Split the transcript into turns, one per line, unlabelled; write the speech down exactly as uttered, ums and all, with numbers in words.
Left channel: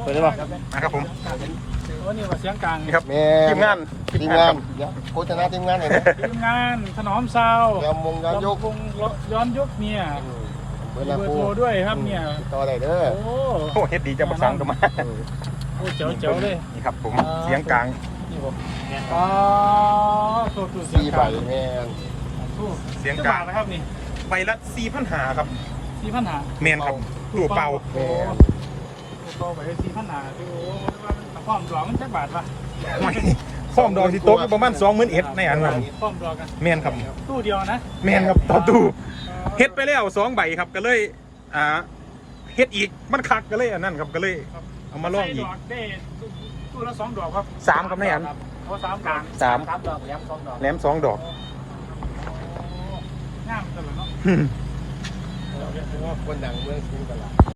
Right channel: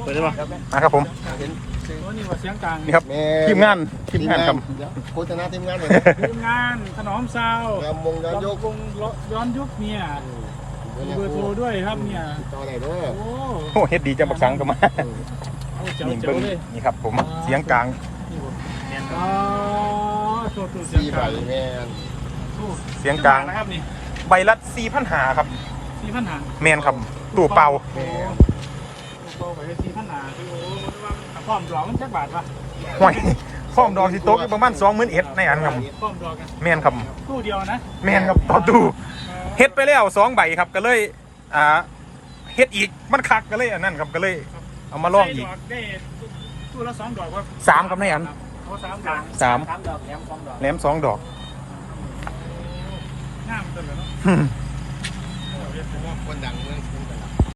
เปิดได้ป่ะนะครับผมนี่เสียงกลางนี่ครับทีมงานทีมงานโฆษณาทีมงานอย่างนี้ทีมงานถนอมซาวย้อนมงย้อนยุกย้อนยุกเนี่ยเบอร์โทรด้วยครับเนี่ยต่อได้เด้อโอ้เฮ็ดดีจะประสานกันมาโอ้เจ๋วเจ๋วเลยนี่ครับผมเสียงกลางอ๋อเสียงกลางแม่เสียงกลางนะครับนี่ใบละสี่พันหาครับสี่พันหาแมนครับตู้เป่าตู้เป่าใบละสี่พันหาคือพร้อมดอกมันจักบาทปะห่วยพร้อมดอกที่โต๊ะอยู่ประมาณสองหมื่นเอ็ดในอันครับพร้อมดอกกันแมนครับตู้เดียวนะแมนครับต่อตู้เฮ็ดไปแล้วสองใบครับก็เลยอ่าเฮ็ดอีกมันคักก็เลยอันนั้นครับก็เลยเอามาลองอีกตู้ละสองดอกครับสามครับในอันสามสามดอกแหลมสองดอกแหลมสองดอกง่ามจังเลยเนาะคนดังเมืองกรุงตลาด